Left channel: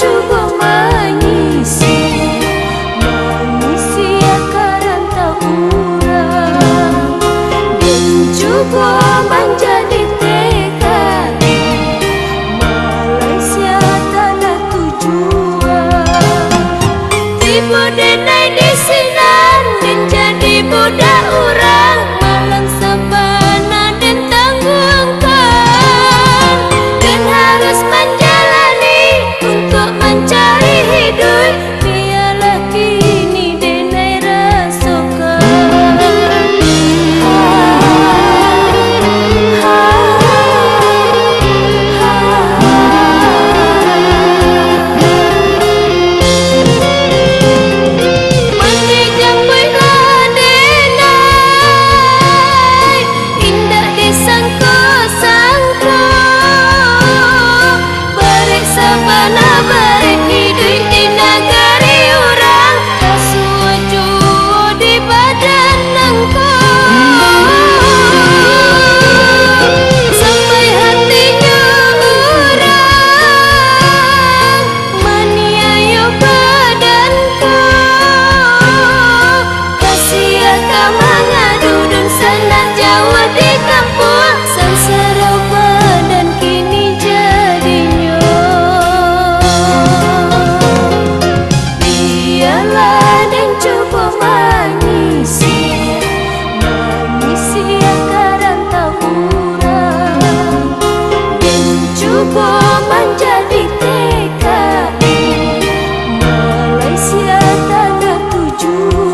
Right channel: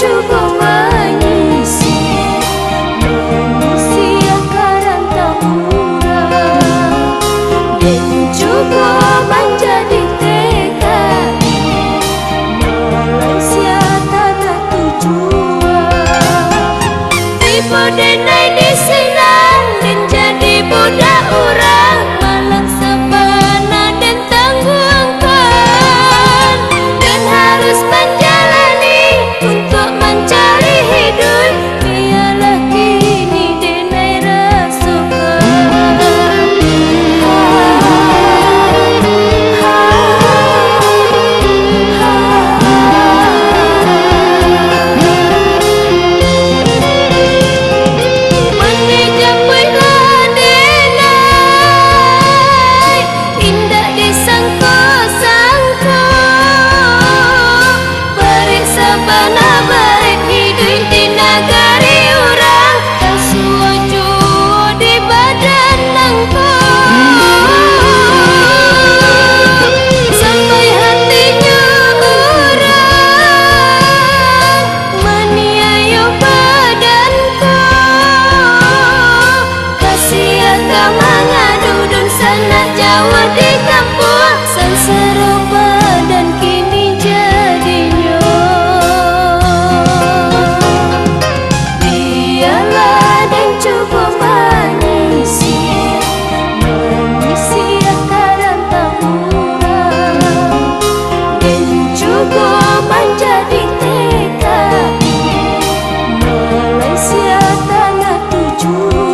cuba mengisi akaran tak urang, dan cuba menjadi TKI Malaysia tanah tujuan. Tiba denai di sinan dan jadi budak orang Malang Sabana dan tanggungan, dan harus menjalani untuk mencari hidup. Biarlah kini denai rasukan. Sabana barit hidup di negari orang, kasua jua di badan nangkau, sampai hatinya orang meniayu badanku. Kasih akan mengadu dan sanak Jawa di kampung, sengsara badan kini jadinya. Cuba mengisi akaran tak urang, dan cuba menjadi TKI Malaysia tanah tujuan.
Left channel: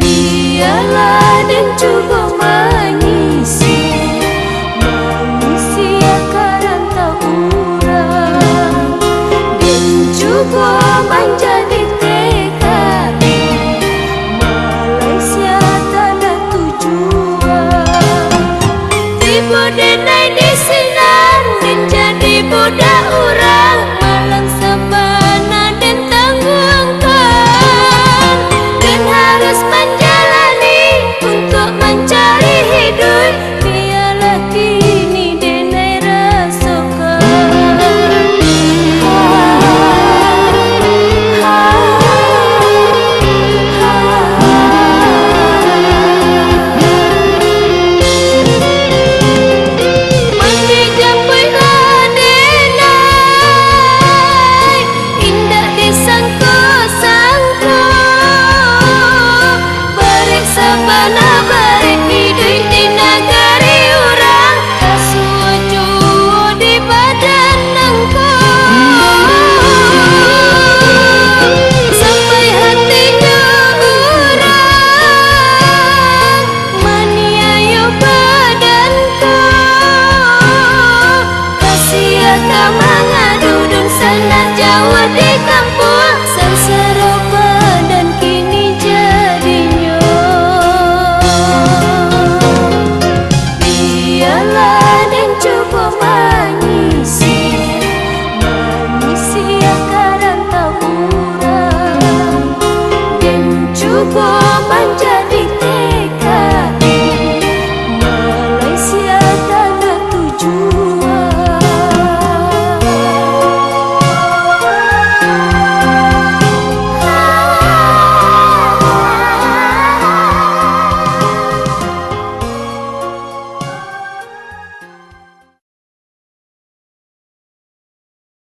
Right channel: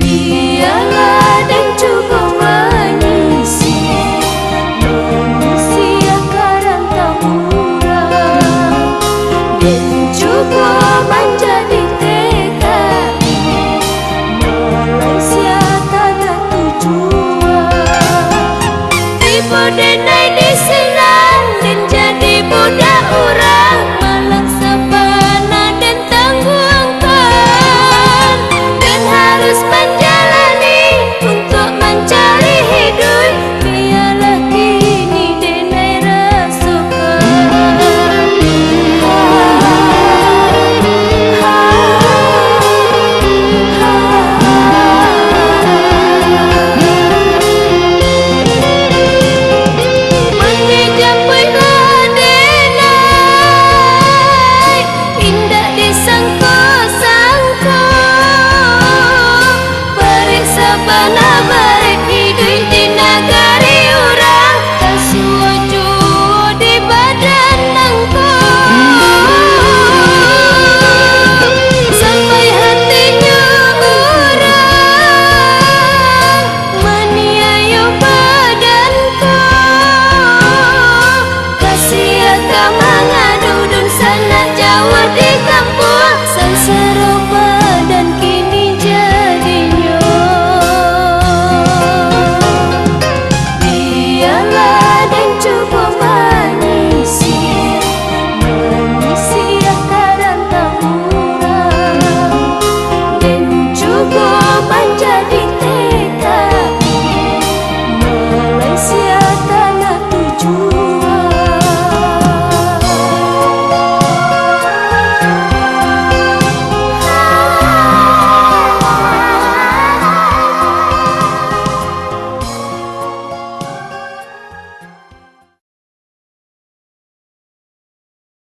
Biarlah dan cuba mengisi akaran tak urang, dan cuba menjadi TKI Malaysia tanah tujuan. Tiba denai di sinan dan jadi budak orang Malang Sabana dan tanggungan, dan harus menjalani untuk mencari hidup. Biarlah kini denai rasukan. Mandi japui denai indah disangko-sangko, Sabana barit hidup di negara